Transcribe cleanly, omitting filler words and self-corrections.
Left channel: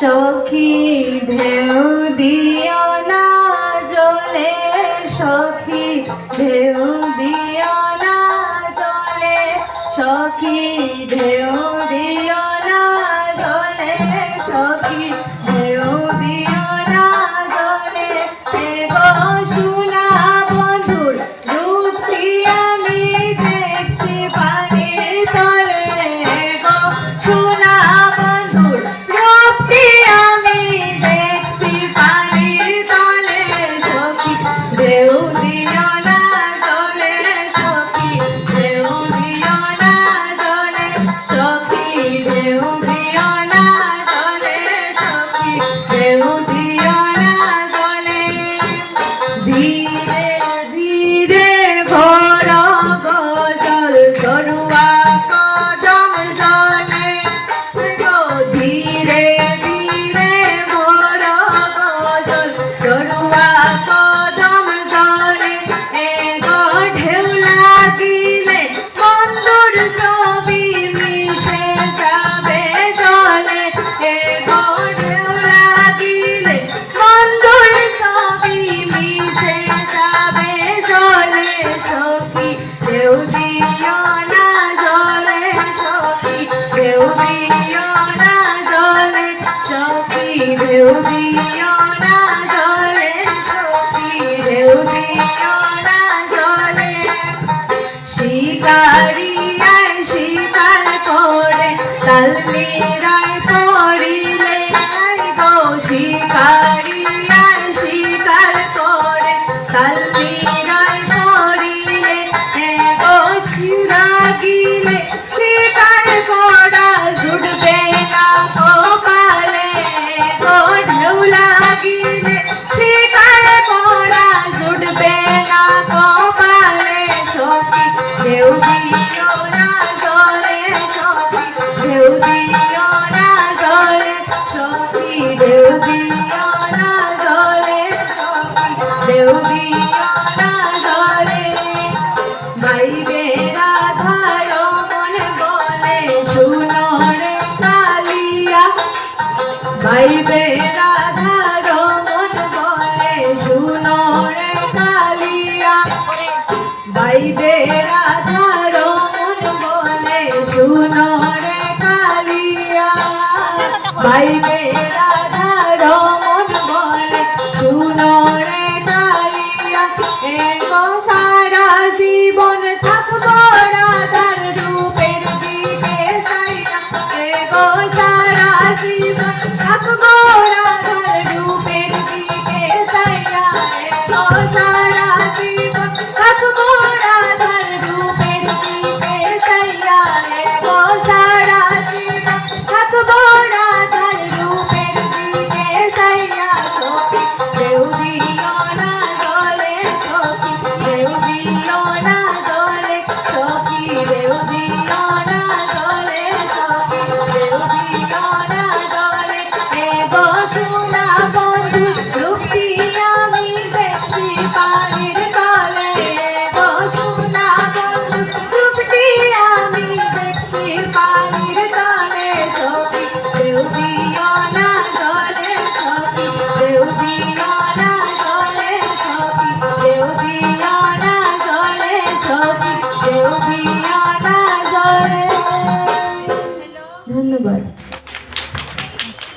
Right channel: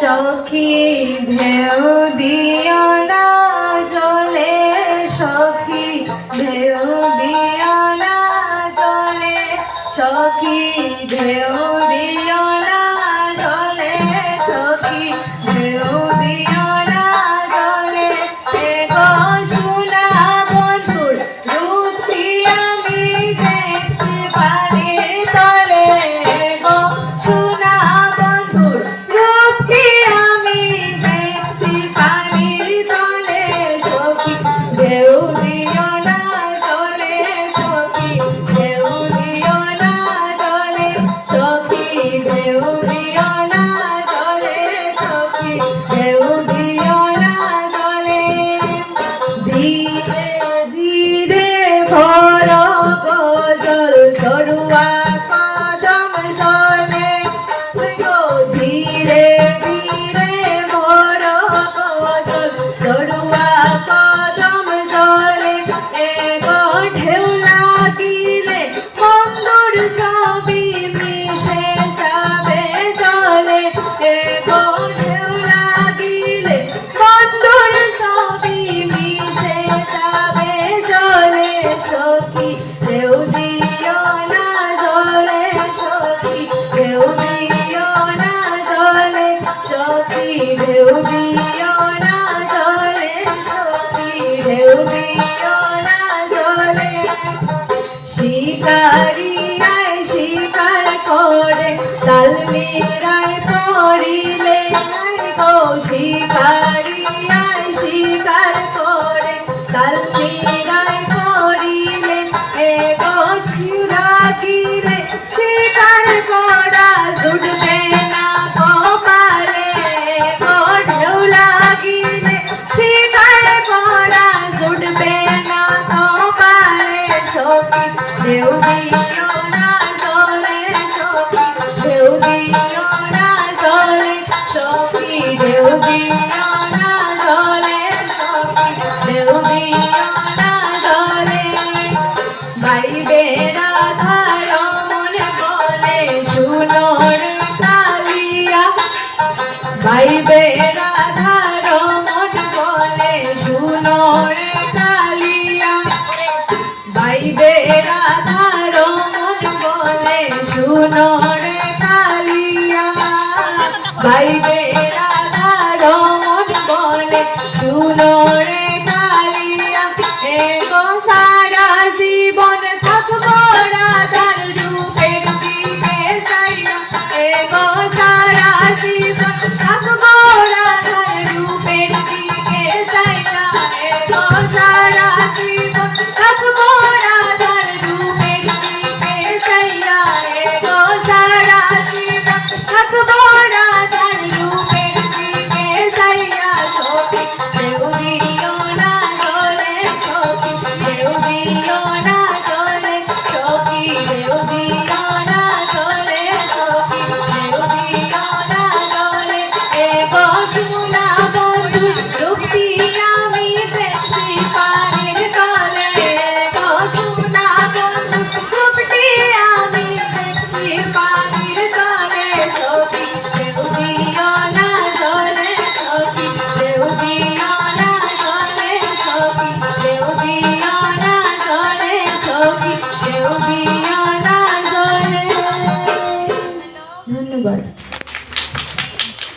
সখী ঢেউ দিও না জলে, সখী ঢেউ দিও না জলে, সখী ঢেউ দিও না জলে, সখী ঢেউ দিও না জলে। এগো সোনা বন্ধুর রূপটি আমি দেখছি পানির তলে, এগো সোনা বন্ধুর রূপটি আমি দেখছি পানির তলে, সখী ঢেউ দিও না জলে, সখী ঢেউ দিও না জলে, সখী ঢেউ দিও না জলে, সখী ঢেউ দিও না জলে। ধীরে ধীরে ভোর গজল ঝরুয়া কদম জলে, গো ধীরে ধীরে ভোর গজল ঝরুয়া কদম জলে। এগো ঢেউ লাগিলে বন্ধুর ছবি মিশে যাবে জলে, এগো ঢেউ লাগিলে বন্ধুর ছবি মিশে যাবে জলে, সখী ঢেউ দিও না জলে, সখী ঢেউ দিও না জলে, সখী ঢেউ দিও না জলে, সখী ঢেউ দিও না জলে। শিকারিয়ায় শিকার করে তালমিরায় পড়িলে, গো শিকারিয়ায় শিকার করে তালমিরায় পড়িলে, এগো শিরাগিলে শিকার করা জুটবে না কপালে, গো ঢেউ লাগিলে শিকার করা জুটবে না কপালে, সখী ঢেউ দিও না জলে, সখী ঢেউ দিও না জলে, সখী ঢেউ দিও না জলে, সখী ঢেউ দিও না জলে। গাইবে রাধার মন বলে শুনো রে কালিয়া, গাইবে রাধার মন বলে শুনো রে কালিয়া, গাইবে রাধার মন বলে শুনো রে কালিয়া, গাইবে রাধার মন বলে শুনো রে কালিয়া। এগো সারা জীবন থাকবো রাধার রূপের দিকে চাইয়া, এগো সারা জীবন থাকবো রাধার রূপের দিকে চাইয়া, এগো সারা জীবন থাকবো রাধার রূপের দিকে চাইয়া, এগো সারা জীবন থাকবো রাধার রূপের দিকে চাইয়া, সখী ঢেউ দিও না জলে, সখী ঢেউ দিও না জলে, সখী ঢেউ দিও না জলে, সখী ঢেউ দিও না জলে। এগো সোনা বন্ধু রূপটি আমি দেখছি পানির তলে, এগো সোনা বন্ধু রূপটি আমি দেখছি পানির তলে, সখী ঢেউ দিও না জলে, সখী ঢেউ দিও না জলে, সখী ঢেউ দিও না জলে, সখী ঢেউ দিও না জলে। ধন্যবাদ।